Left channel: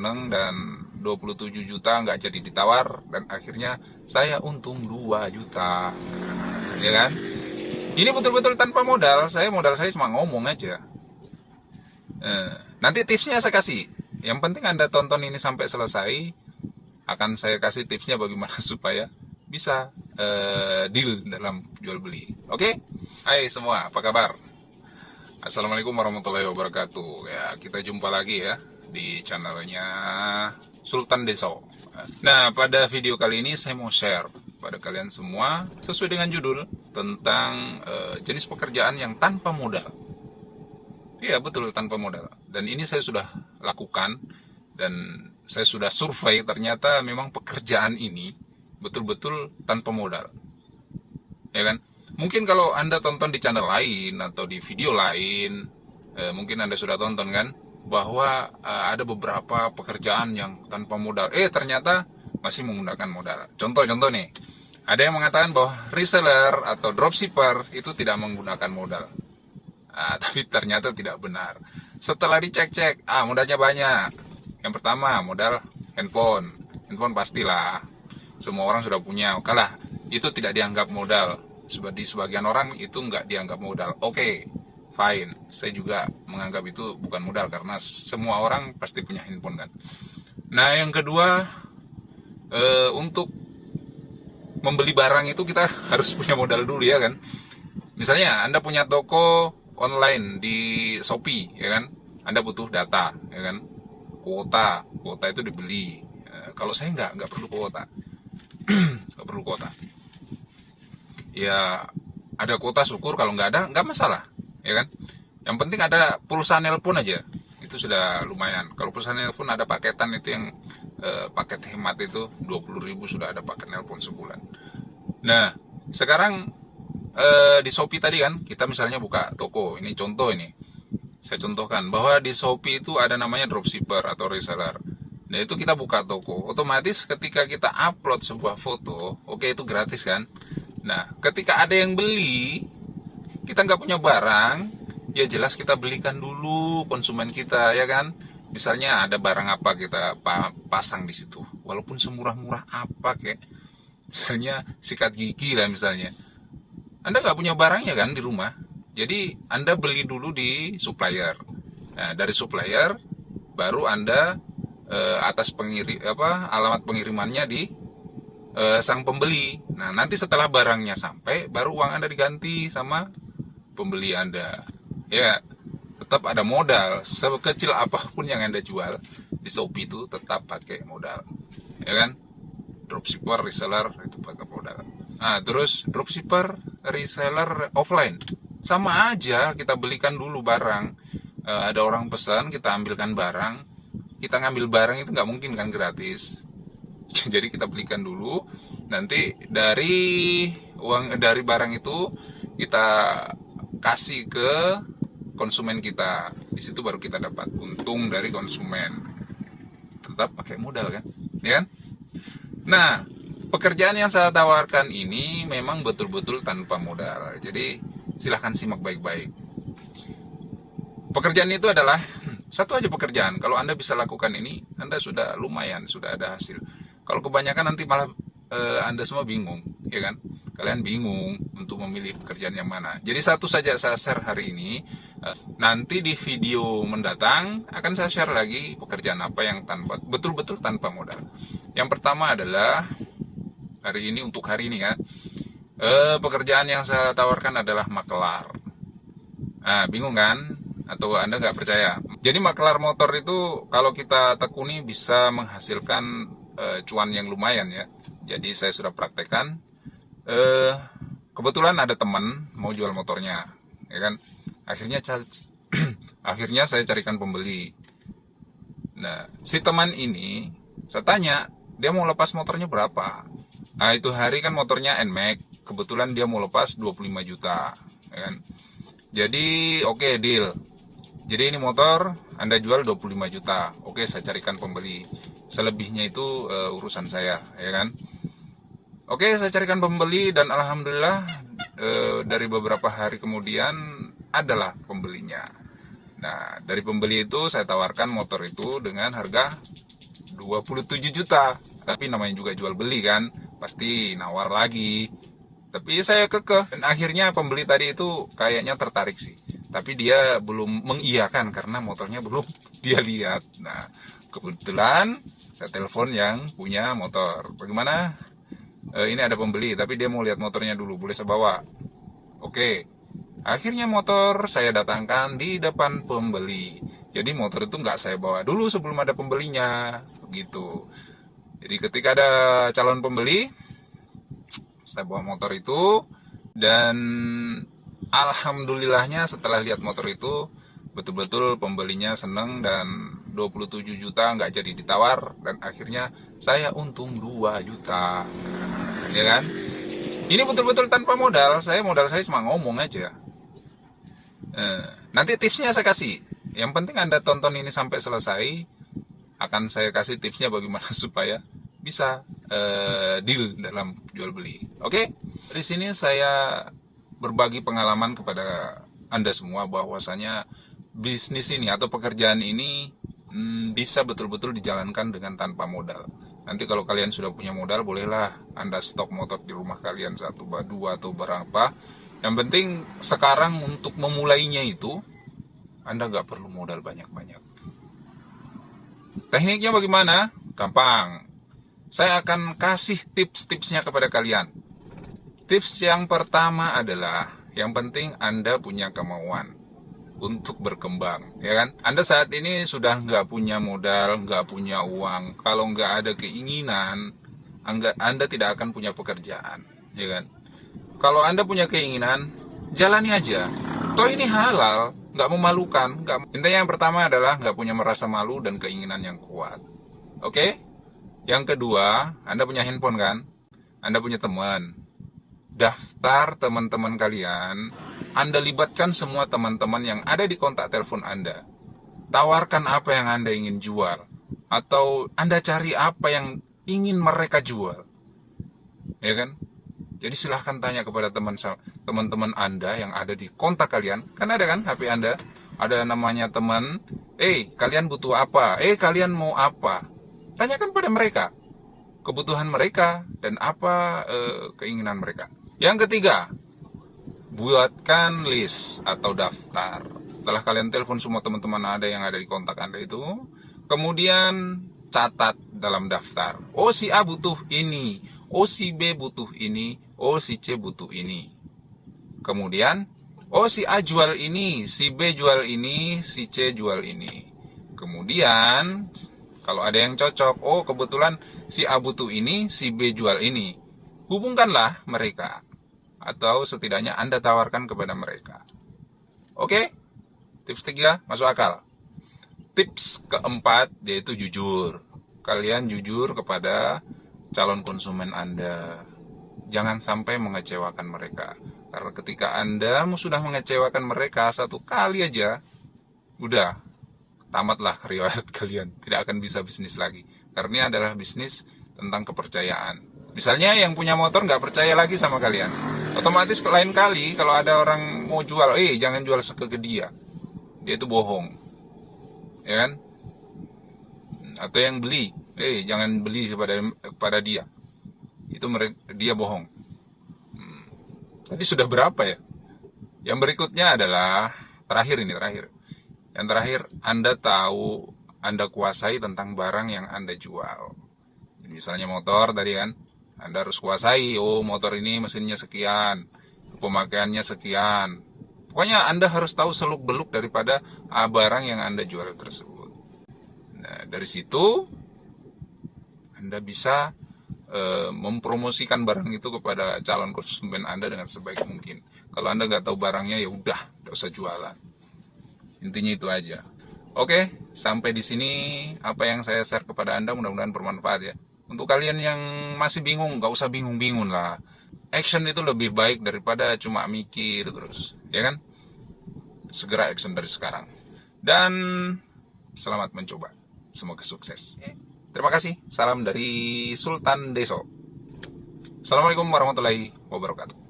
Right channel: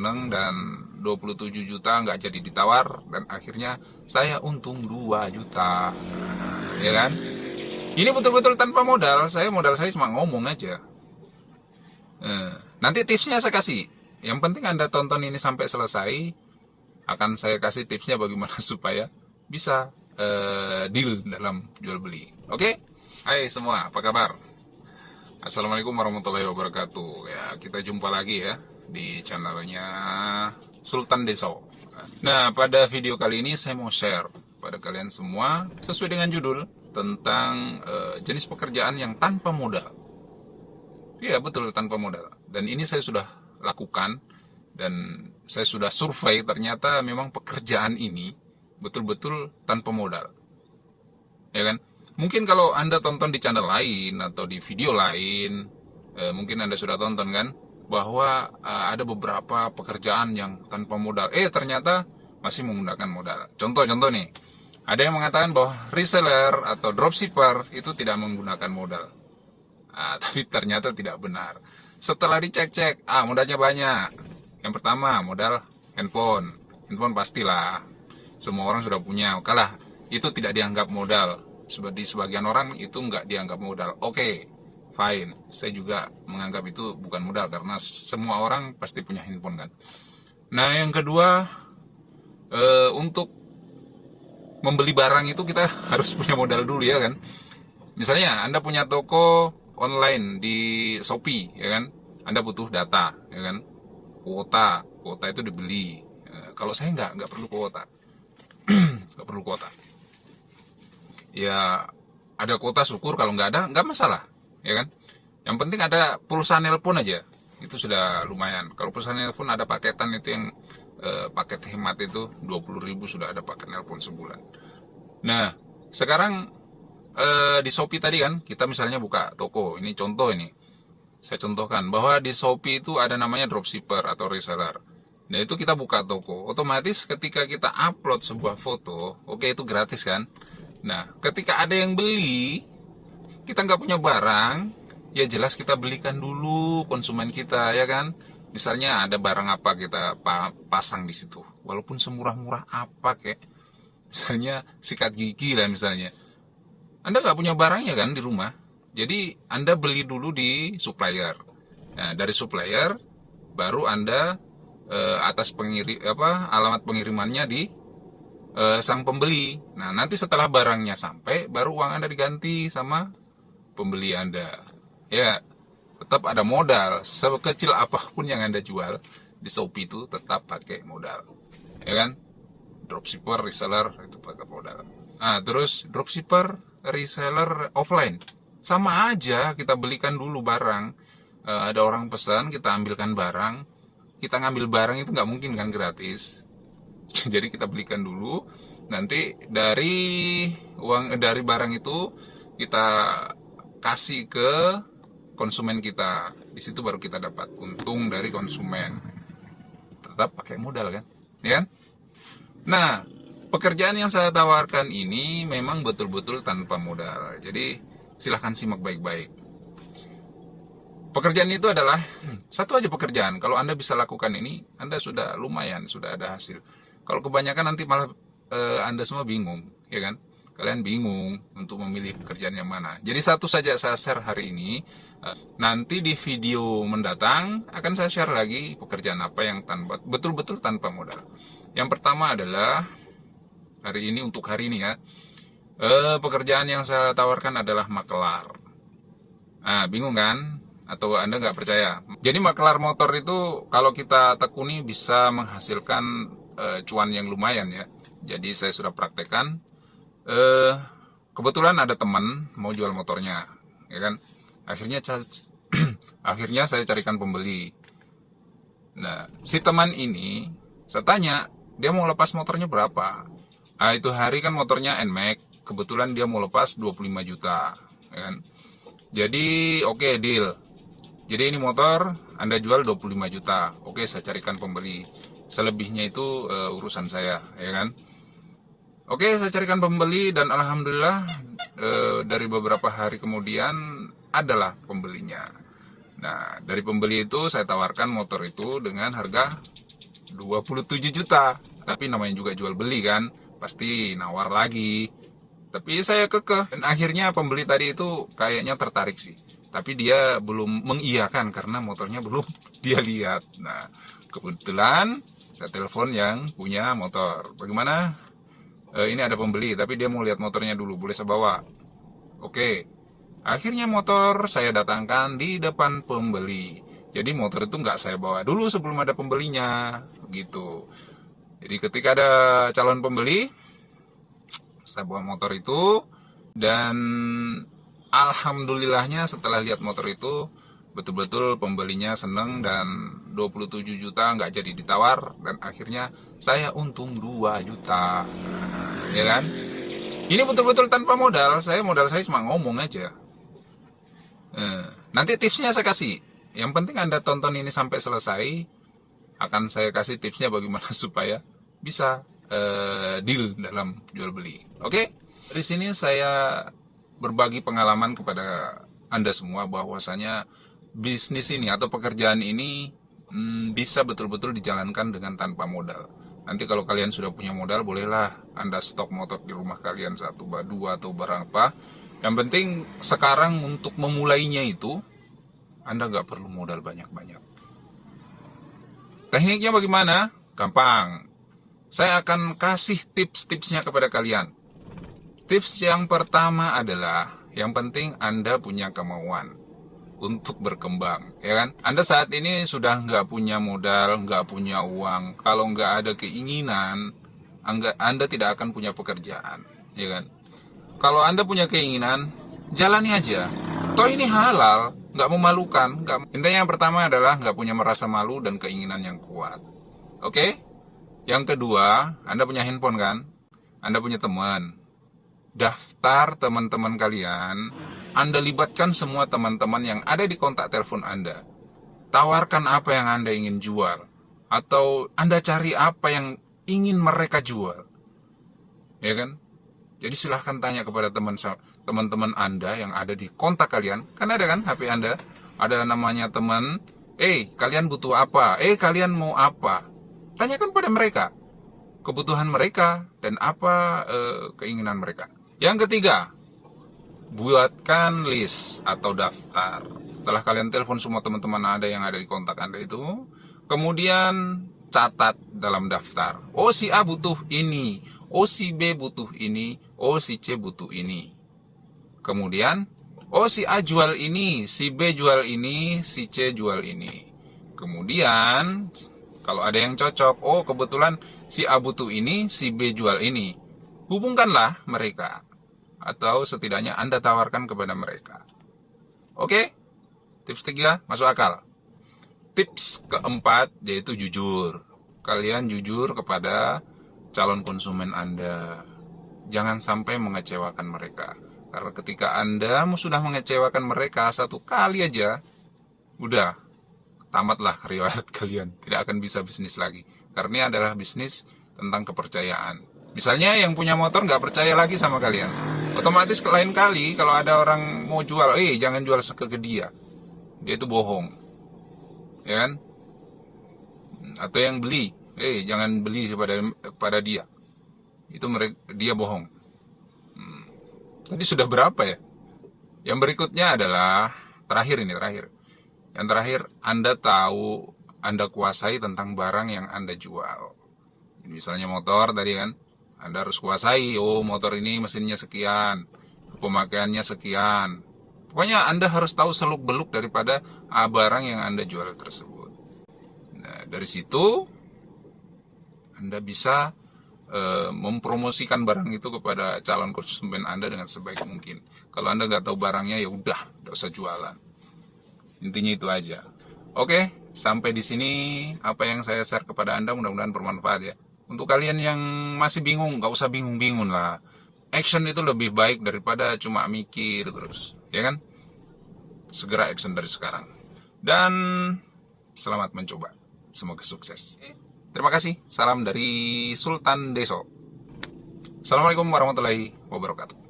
seneng, dan 27 juta nggak jadi ditawar, dan akhirnya saya untung 2 juta. Ya kan? Ini betul-betul tanpa modal saya cuma ngomong aja. Nanti tipsnya saya kasih. Yang penting Anda tonton ini sampai selesai. Akan saya kasih tipsnya bagaimana supaya bisa deal dalam jual beli. Oke? Hai semua, apa kabar? Assalamualaikum warahmatullahi wabarakatuh. Ya, kita jumpa lagi ya di channelnya Sultan Deso. Nah, pada video kali ini saya mau share pada kalian semua sesuai dengan judul tentang jenis pekerjaan yang tanpa modal. Iya, betul, tanpa modal. Dan ini saya sudah lakukan dan saya sudah survei, ternyata memang pekerjaan ini betul-betul tanpa modal. Ya kan? Mungkin kalau Anda tonton di channel lain atau di video lain, mungkin Anda sudah tonton kan, bahwa ada beberapa pekerjaan yang tanpa modal. Ternyata masih menggunakan modal. Contoh nih, ada yang mengatakan bahwa reseller atau dropshipper itu tidak menggunakan modal. Tapi ternyata tidak benar. Setelah dicek-cek, modalnya banyak. Yang pertama, modal handphone. Handphone pastilah, semua orang sudah punya. Oke lah, itu tidak dianggap modal. Di sebagian orang itu nggak dianggap modal. Oke, fine. Saya juga menganggap itu bukan modal karena semua orang pasti punya handphone kan. Nah, yang kedua, untuk membeli barang itu kita harus punya modal dulu ya kan. Misalnya Anda punya toko online di Shopee ya kan. Anda butuh data ya kan. Kuota itu dibeli. Kalau saya nggak perlu kuota. Nggak perlu kuota. Ya, ada kuota syukur, kalau nggak ada nggak masalah ya kan. Yang penting ada pulsa nelpon aja, itu sudah lumayan. Kalau pulsa nelpon ada paketan itu yang paket hemat itu 20.000 sudah ada paket nelpon sebulan. Nah, sekarang di Shopee tadi kan kita misalnya buka toko, ini contoh, ini saya contohkan bahwa di Shopee itu ada namanya dropshipper atau reseller. Nah, itu kita buka toko, otomatis ketika kita upload sebuah foto, oke, itu gratis kan. Nah, ketika ada yang beli, kita nggak punya barang, ya jelas kita belikan dulu konsumen kita, ya kan? Misalnya ada barang apa kita pasang di situ, walaupun semurah-murah apa kayak, misalnya sikat gigi lah misalnya. Anda nggak punya barangnya kan di rumah, jadi Anda beli dulu di supplier. Nah, dari supplier baru Anda atas alamat pengirimannya di sang pembeli. Nah, nanti setelah barangnya sampai, baru uang Anda diganti sama pembeli Anda. Ya, tetap ada modal. Sekecil apapun yang Anda jual di Shopee itu tetap pakai modal. Ya kan? Dropshipper, reseller itu pakai modal. Nah, terus dropshipper, reseller offline. Sama aja, kita belikan dulu barang. Ada orang pesan, kita ambilkan barang. Kita ngambil barang itu nggak mungkin kan gratis. Jadi kita belikan dulu, nanti dari barang itu kita kasih ke konsumen kita. Di situ baru kita dapat untung dari konsumen. Tetap pakai modal kan, ya kan? Nah, pekerjaan yang saya tawarkan ini memang betul-betul tanpa modal. Jadi silahkan simak baik-baik. Pekerjaan itu adalah satu aja pekerjaan. Kalau Anda bisa lakukan ini, Anda sudah lumayan, sudah ada hasil. Kalau kebanyakan nanti malah Anda semua bingung, ya kan? Kalian bingung untuk memilih pekerjaan yang mana. Jadi satu saja saya share hari ini. Nanti di video mendatang akan saya share lagi pekerjaan apa yang betul-betul tanpa modal. Yang pertama adalah untuk hari ini ya. Pekerjaan yang saya tawarkan adalah makelar. Bingung kan? Atau Anda nggak percaya? Jadi makelar motor itu kalau kita tekuni bisa menghasilkan cuan yang lumayan ya. Jadi saya sudah praktekkan. Kebetulan ada teman mau jual motornya, ya kan? Akhirnya saya carikan pembeli. Nah, si teman ini saya tanya, dia mau lepas motornya berapa? Itu hari kan motornya NMAX. Kebetulan dia mau lepas 25 juta, ya kan? Jadi oke, deal. Jadi ini motor Anda jual 25 juta. Oke, saya carikan pembeli. Selebihnya itu urusan saya, ya kan? Oke, saya carikan pembeli dan alhamdulillah dari beberapa hari kemudian adalah pembelinya. Nah, dari pembeli itu saya tawarkan motor itu dengan harga 27 juta. Tapi namanya juga jual beli kan, pasti nawar lagi. Tapi saya kekeh, dan akhirnya pembeli tadi itu kayaknya tertarik sih. Tapi dia belum mengiyakan karena motornya belum dia lihat. Nah, kebetulan saya telepon yang punya motor. Bagaimana? Ini ada pembeli, tapi dia mau lihat motornya dulu. Boleh saya bawa? Oke. Akhirnya motor saya datangkan di depan pembeli. Jadi motor itu nggak saya bawa dulu sebelum ada pembelinya. Gitu. Jadi ketika ada calon pembeli, saya bawa motor itu, dan alhamdulillahnya setelah lihat motor itu betul-betul pembelinya seneng, dan 27 juta nggak jadi ditawar, dan akhirnya saya untung 2 juta. Ya kan? Ini betul-betul tanpa modal saya cuma ngomong aja. Nanti tipsnya saya kasih. Yang penting Anda tonton ini sampai selesai. Akan saya kasih tipsnya bagaimana supaya bisa deal dalam jual beli. Oke? Di sini saya berbagi pengalaman kepada Anda semua bahwasanya bisnis ini atau pekerjaan ini bisa betul-betul dijalankan dengan tanpa modal. Nanti kalau kalian sudah punya modal, bolehlah Anda stok motor di rumah kalian 1, 2 atau berapa. Yang penting sekarang untuk memulainya itu Anda nggak perlu modal banyak-banyak. Tekniknya bagaimana? Gampang. Saya akan kasih tips-tipsnya kepada kalian. Tips yang pertama adalah, yang penting Anda punya kemauan untuk berkembang, ya kan? Anda saat ini sudah nggak punya modal, nggak punya uang. Kalau nggak ada keinginan, Anda tidak akan punya pekerjaan, ya kan? Kalau Anda punya keinginan, jalani aja. Toh ini halal, nggak memalukan. Intinya yang pertama adalah nggak punya merasa malu dan keinginan yang kuat. Oke? Yang kedua, Anda punya handphone kan? Anda punya teman. Daftar teman-teman kalian. Anda libatkan semua teman-teman yang ada di kontak telepon Anda. Tawarkan apa yang Anda ingin jual. Atau Anda cari apa yang ingin mereka jual. Ya kan? Jadi silahkan tanya kepada teman-teman Anda yang ada di kontak kalian. Kan ada kan HP Anda? Ada namanya teman. Kalian butuh apa? Kalian mau apa? Tanyakan pada mereka kebutuhan mereka dan apa keinginan mereka. Yang ketiga, buatkan list atau daftar. Setelah kalian telepon semua teman-teman Anda yang ada di kontak Anda itu, kemudian catat dalam daftar. Oh, si A butuh ini, oh si B butuh ini, oh si C butuh ini. Kemudian, oh si A jual ini, si B jual ini, si C jual ini. Kemudian kalau ada yang cocok, oh kebetulan si A butuh ini, si B jual ini. Hubungkanlah mereka. Atau setidaknya Anda tawarkan kepada mereka. Oke? Tips 3, masuk akal. Tips keempat, yaitu jujur. Kalian jujur kepada calon konsumen Anda. Jangan sampai mengecewakan mereka. Karena ketika Anda sudah mengecewakan mereka satu kali aja, udah. Tamatlah riwayat kalian, tidak akan bisa bisnis lagi. Karena ini adalah bisnis tentang kepercayaan. Misalnya yang punya motor nggak percaya lagi sama kalian, otomatis lain kali kalau ada orang mau jual, jangan jual ke dia itu bohong, ya kan? Atau yang beli, jangan beli pada dia, itu dia bohong. Tadi sudah berapa ya? Yang berikutnya adalah terakhir. Yang terakhir, Anda tahu, Anda kuasai tentang barang yang Anda jual. Misalnya motor tadi kan, Anda harus kuasai, motor ini mesinnya sekian, pemakaiannya sekian. Pokoknya Anda harus tahu seluk-beluk daripada barang yang Anda jual tersebut. Nah, dari situ Anda bisa mempromosikan barang itu kepada calon konsumen Anda dengan sebaik mungkin. Kalau Anda nggak tahu barangnya, ya udah, nggak usah jualan. Intinya itu aja. Oke, sampai di sini apa yang saya share kepada Anda mudah-mudahan bermanfaat ya. Untuk kalian yang masih bingung, nggak usah bingung-bingung lah. Action itu lebih baik daripada cuma mikir terus, ya kan? Segera action dari sekarang. Dan selamat mencoba. Semoga sukses. Terima kasih. Salam dari Sultan Deso. Assalamualaikum warahmatullahi wabarakatuh.